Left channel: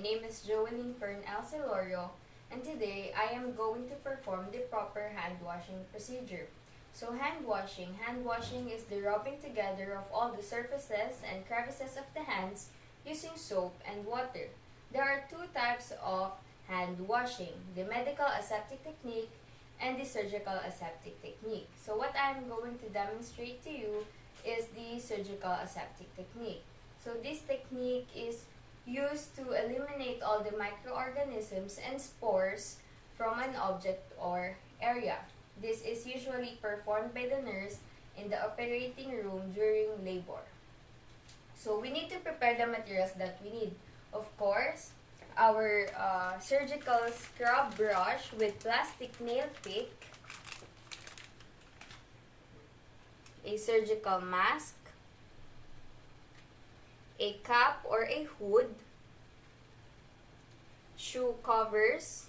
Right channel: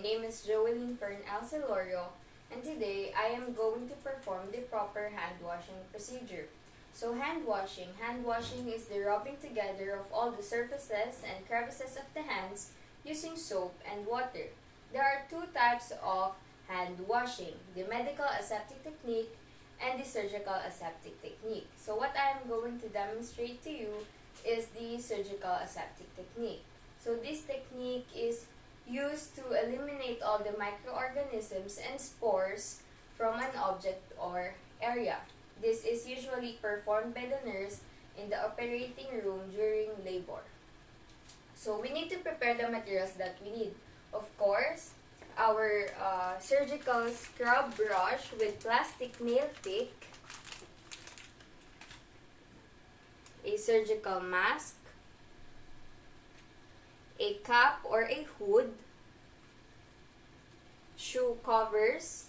name is Joielyn Fern Selorio, and today I am going to perform the proper hand washing procedure. So hand washing is the rubbing together of all the surfaces and crevices of the hands using soap and water. There are two types of hand washing, the medical aseptic technique and the surgical aseptic technique. So what I am going to demonstrate to you is the surgical aseptic technique. So this technique is used to eliminate all the microorganisms and spores from an object or area. This is usually performed by the nurse in the operating room during labor. So we need to prepare the materials that we need. Of course, our surgical scrub brush with plastic nail pick, a surgical mask, a cap or a hood, shoe covers,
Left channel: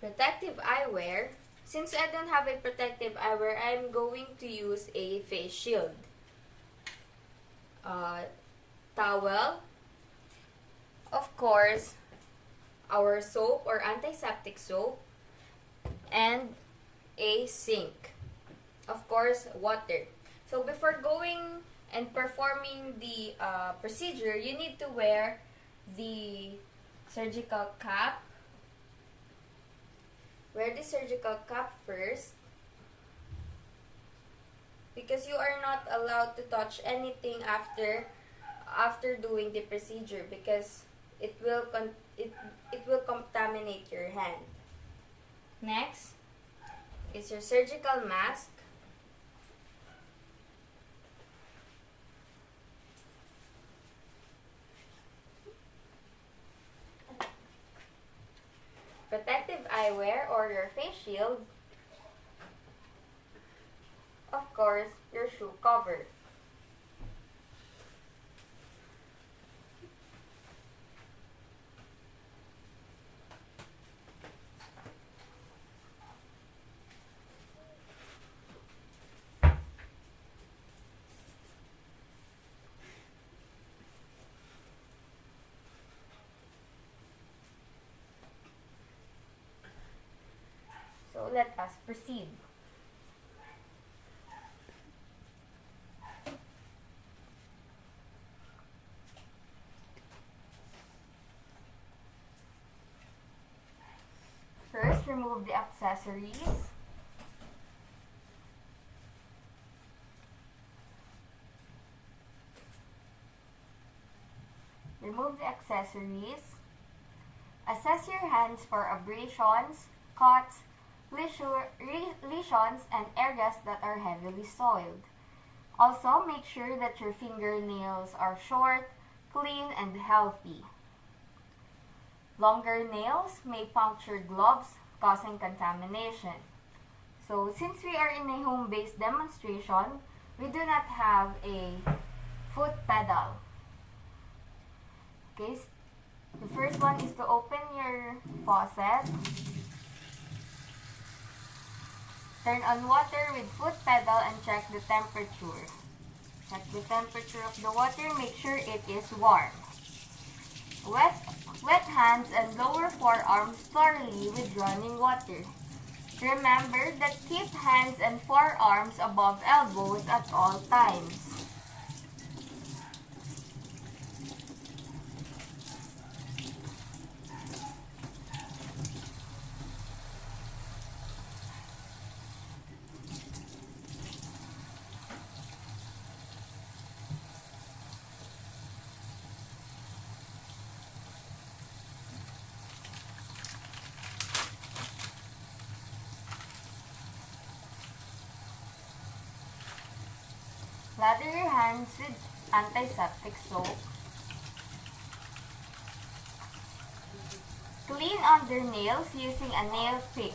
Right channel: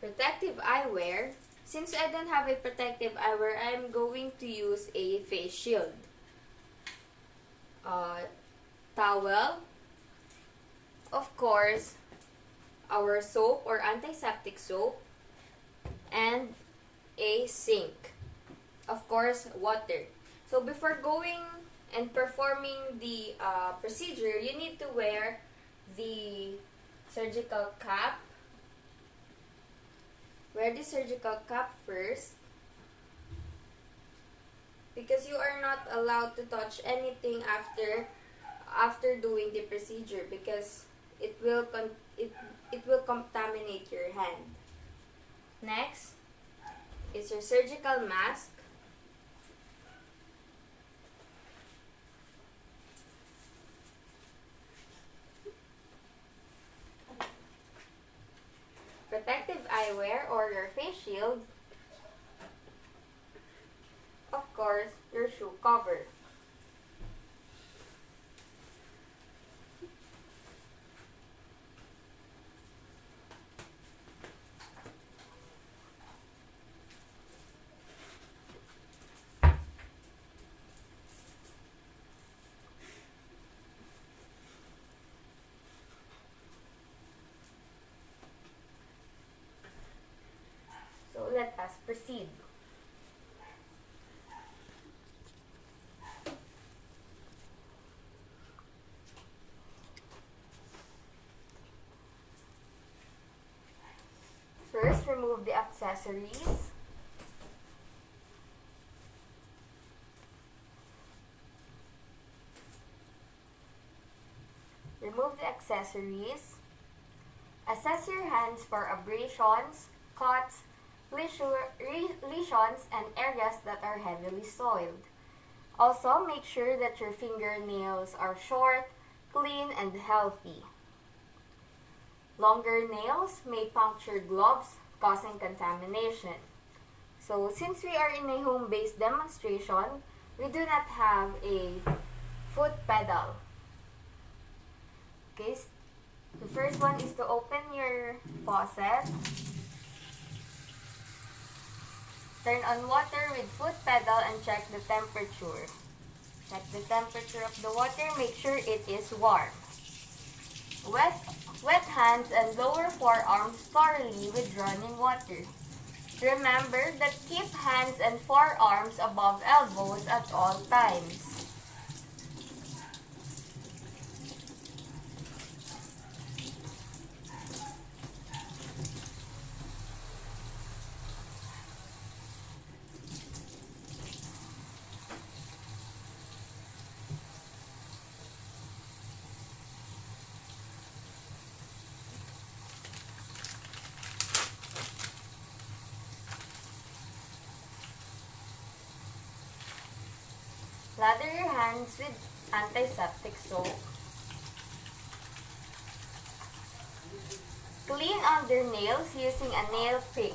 protective eyewear. Since I don't have a protective eyewear, I'm going to use a face shield, towel, of course, our soap or antiseptic soap, and a sink. Of course, water. So before going and performing the procedure, you need to wear the surgical cap. Wear the surgical cap first, because you are not allowed to touch anything after doing the procedure, because it will contaminate your hand. Next is your surgical mask. Protective eyewear or your face shield. Of course, your shoe cover. So let us proceed. First, remove the accessories. Remove the accessories. Assess your hands for abrasions, cuts, lesions, and areas that are heavily soiled. Also, make sure that your fingernails are short, clean, and healthy. Longer nails may puncture gloves, causing contamination. So, since we are in a home-based demonstration, we do not have a foot pedal. Okay, the first one is to open your faucet. Turn on water with foot pedal and check the temperature. Check the temperature of the water, make sure it is warm. Wet hands and lower forearms thoroughly with running water. Remember that keep hands and forearms above elbows at all times. Lather your hands with antiseptic soap. Clean under nails using a nail pick.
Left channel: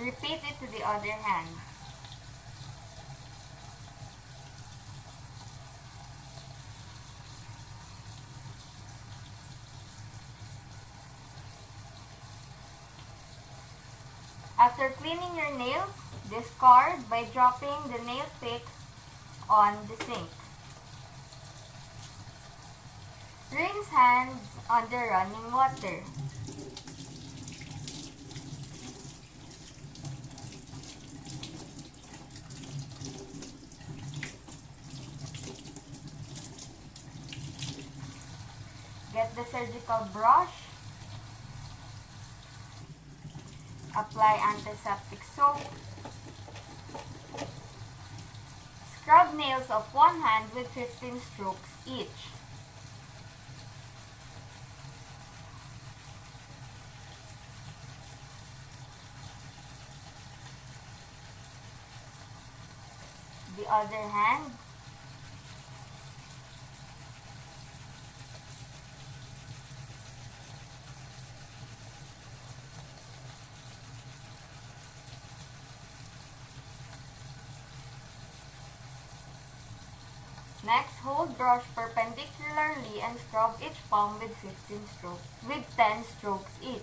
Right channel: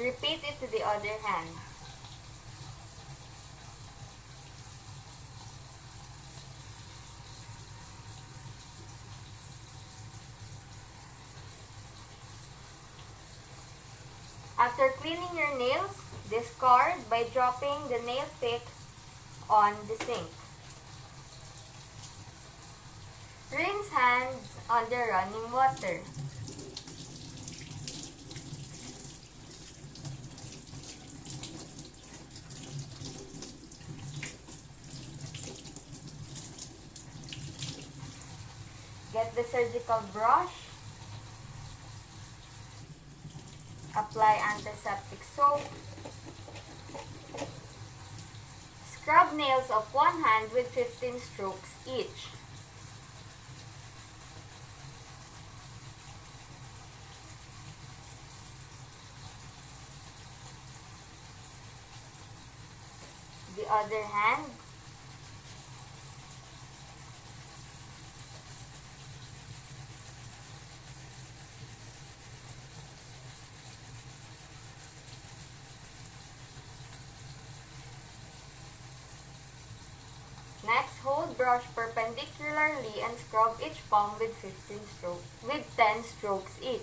Repeat it to the other hand. After cleaning your nails, discard by dropping the nail pick on the sink. Rinse hands under running water. Get the surgical brush. Apply antiseptic soap. Scrub nails of one hand with 15 strokes each. The other hand. Next, hold brush perpendicularly and scrub each palm with 10 strokes each.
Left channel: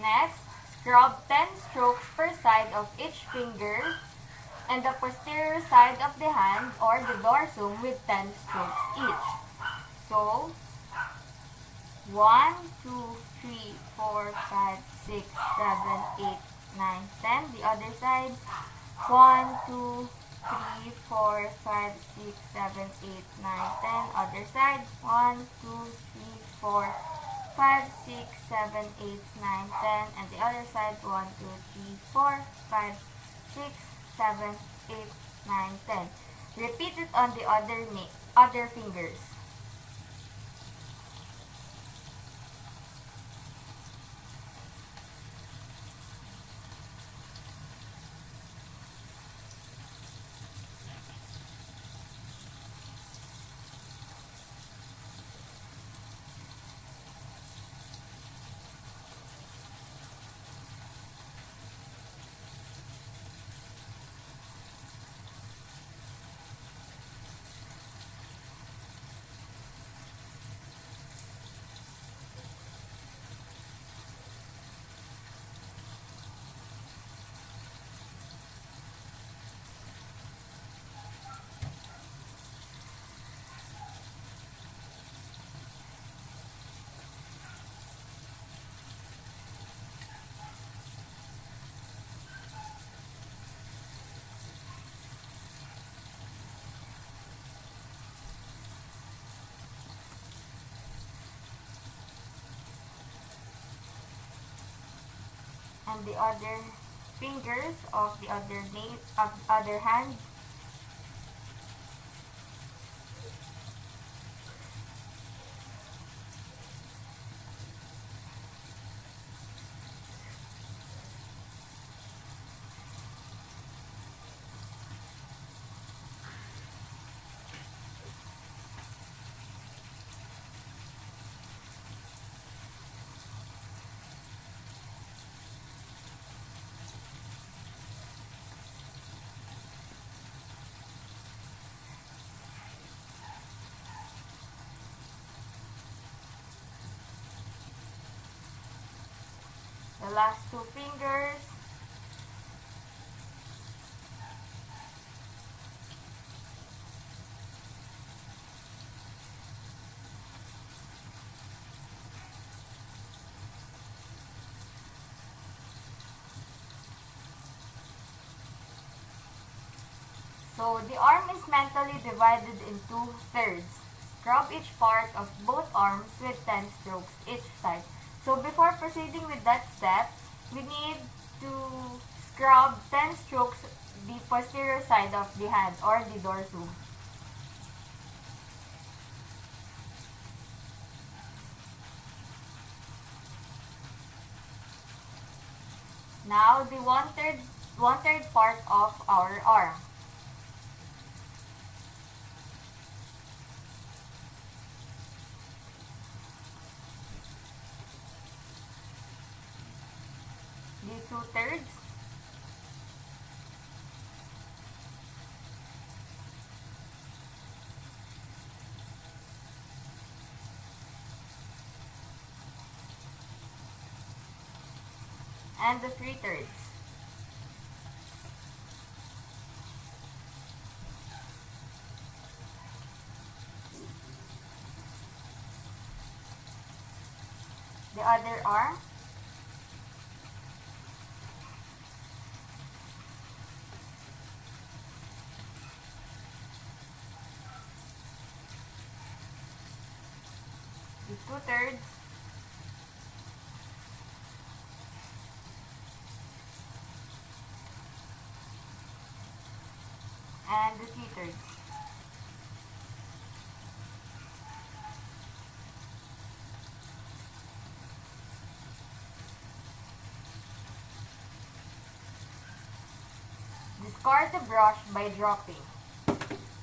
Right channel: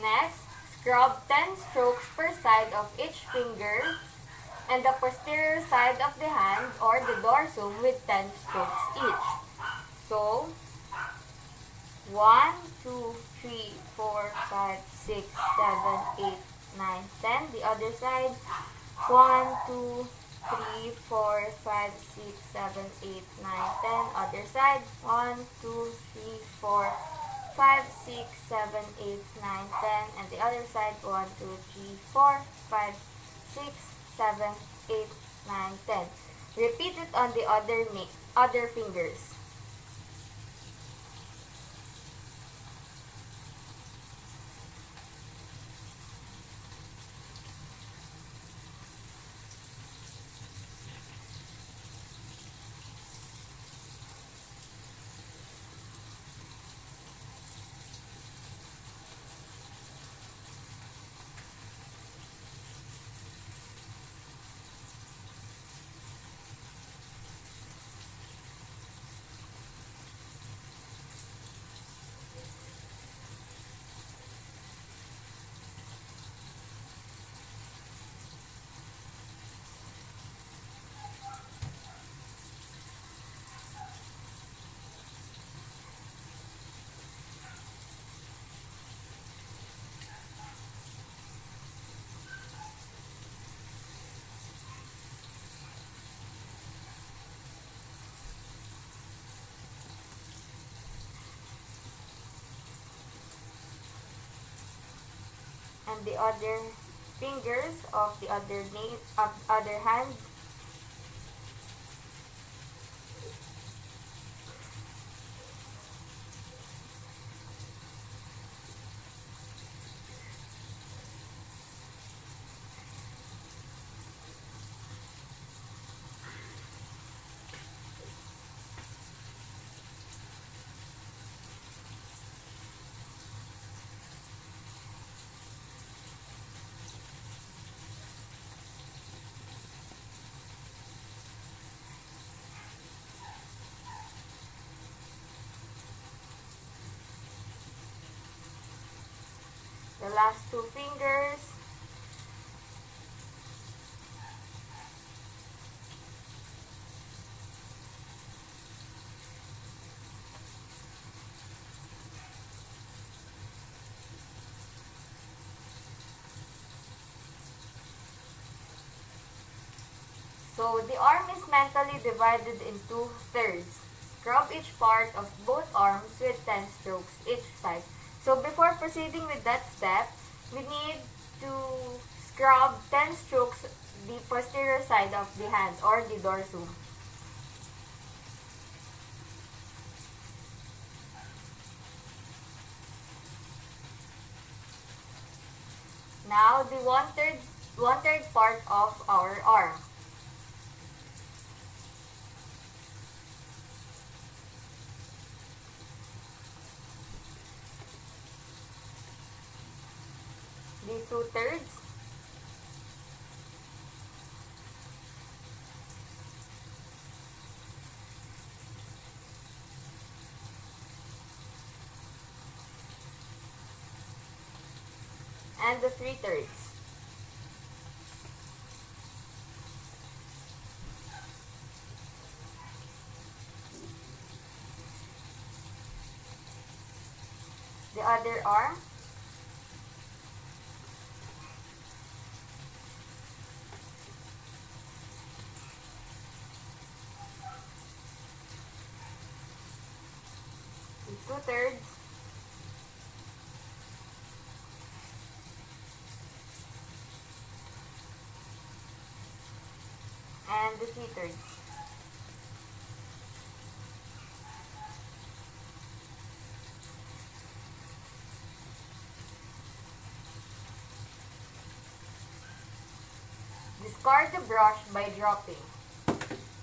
Next, scrub 10 strokes per side of each finger and the posterior side of the hand or the dorsum with 10 strokes each. So, 1, 2, 3, 4, 5, 6, 7, 8, 9, 10. The other side, 1, 2, 3, 4, 5, 6, 7, 8, 9, 10. Other side, 1, 2, 3, 4, 5, 6, 7, 8, 9, 10. And the other side, 1, 2, 3, 4, 5, 6, 7, 8, 9, 10. Repeat it on the other fingers. And the other fingers of the other hand. The last two fingers. So the arm is mentally divided in 2/3. Scrub each part of both arms with 10 strokes each side. So before proceeding with that step, we need to scrub 10 strokes the posterior side of the hand or the dorsum. Now the one-third part of our arm. 2/3. And the 3/3. The other arm. The 2/3. And the 3/3. Discard the brush by dropping.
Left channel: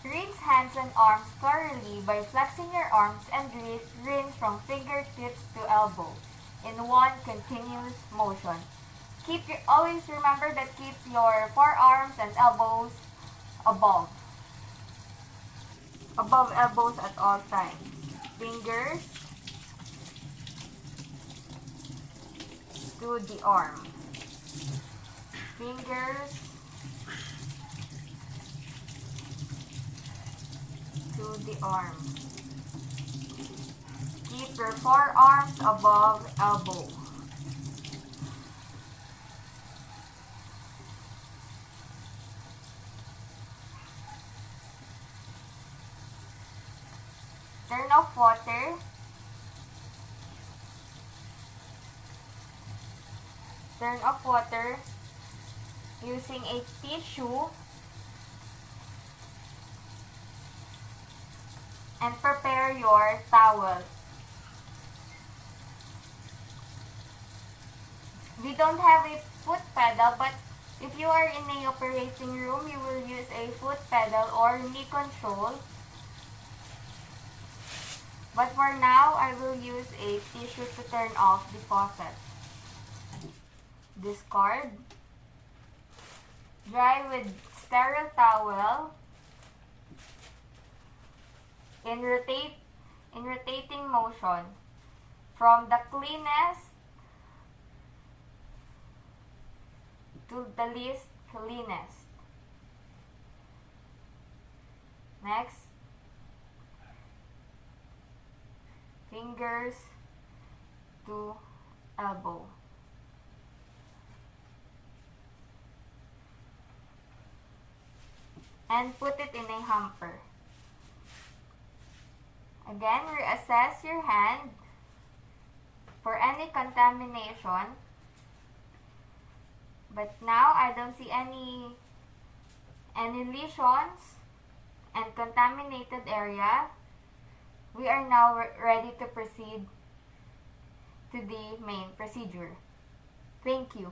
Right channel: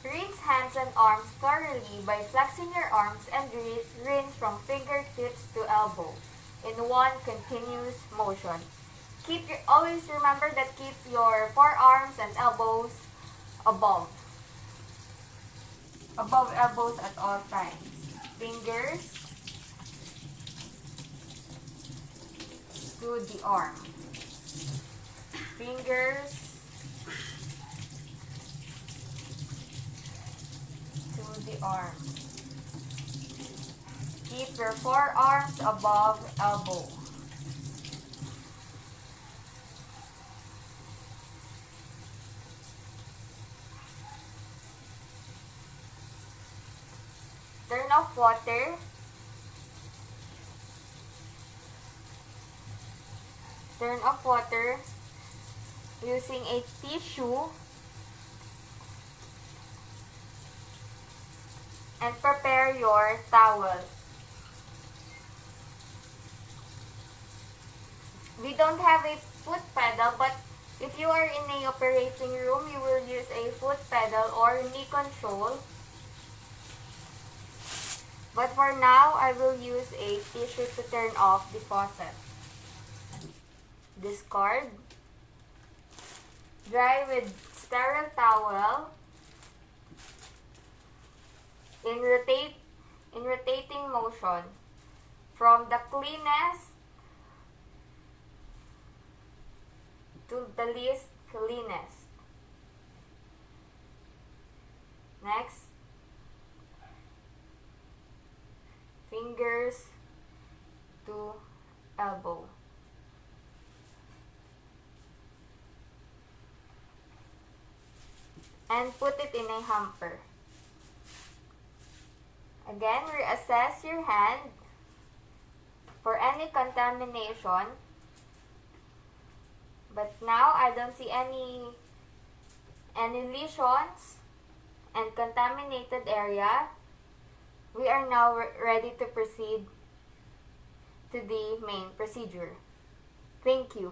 Rinse hands and arms thoroughly by flexing your arms and rinse from fingertips to elbow in one continuous motion. Always remember that keep your forearms and elbows above elbows at all times. Fingers to the arm. Fingers to the arm. Keep your forearms above elbow. Turn off water. Turn off water using a tissue and prepare your towel. We don't have a foot pedal, but if you are in a operating room, you will use a foot pedal or knee control. But for now, I will use a tissue to turn off the faucet. Discard. Dry with sterile towel. In rotating motion from the cleanest to the least cleanest. Next, fingers to elbow. And put it in a hamper. Again, reassess your hand for any contamination. But now I don't see any lesions and contaminated area. We are now ready to proceed to the main procedure. Thank you.